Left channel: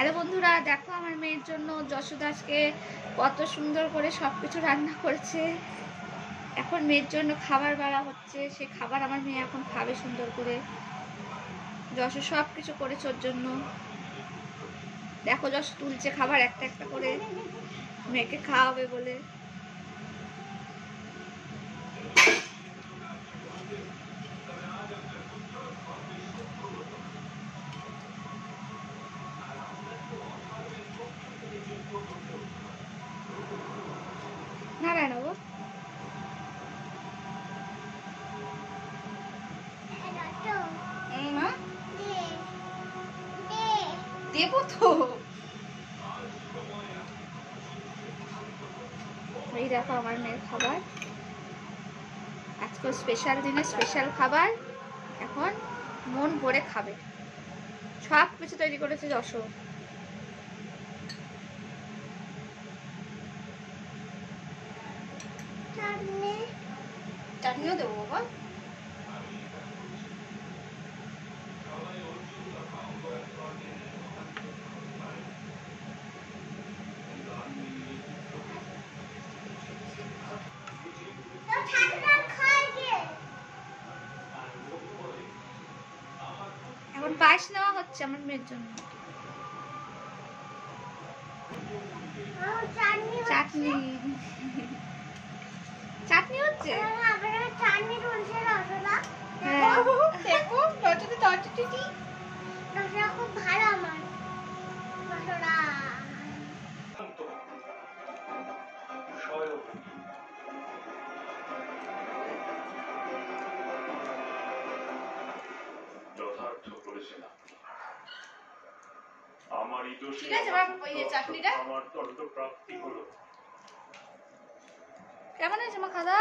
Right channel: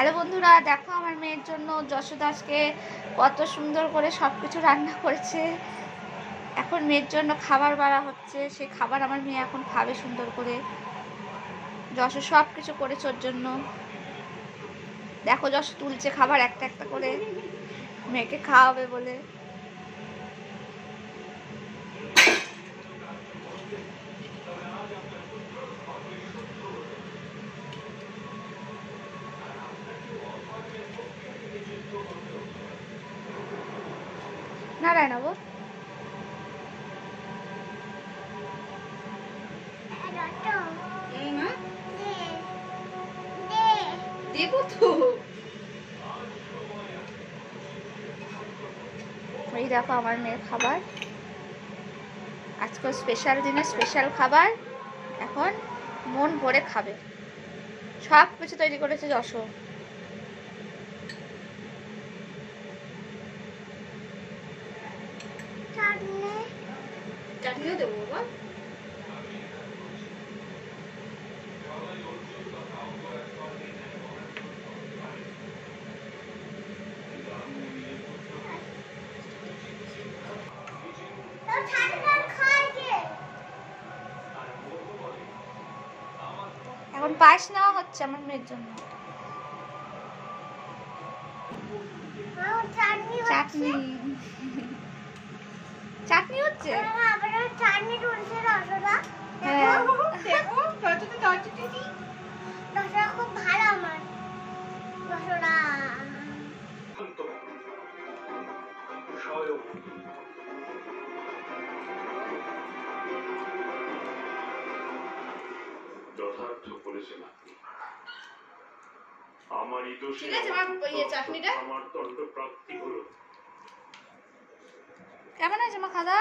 Hello বন্ধুরা, দেখো আমার মেয়ের জন্য যশোদা আজকে কত সুন্দর করে সব কিছু রান্না করেছে। এখন মেয়ের জন্য খাবার বাড়া হচ্ছে, সে খাবার আমার মেয়ে এখন খাবে সুন্দর করে। যশো সব কিছু করেছে ওর জন্য। দেখো যশো তুলছে খাবার একটা একটা করে মেয়েকে খাওয়াবে বলে। নারায়ণ বাবু দেবো তো। এই দেখো আমার মেয়ের খাবার, আজকাল স্পেশাল দিনে স্পেশাল খাবার, এখন মন ভরে খাবে। সব কিছু তৈরি করেছে যশো। চাটনিও দেবো বাবা। এখন পায়েস নেওয়া হচ্ছে আমার মেয়ের জন্য। চাটনি চাটনি হচ্ছে। যথার্থ বলেছেন আপনি। আমারই দোষে চাটনিটা আমার দণ্ড প্রাপ্তি হলো। কেমন আছে মা খাদা?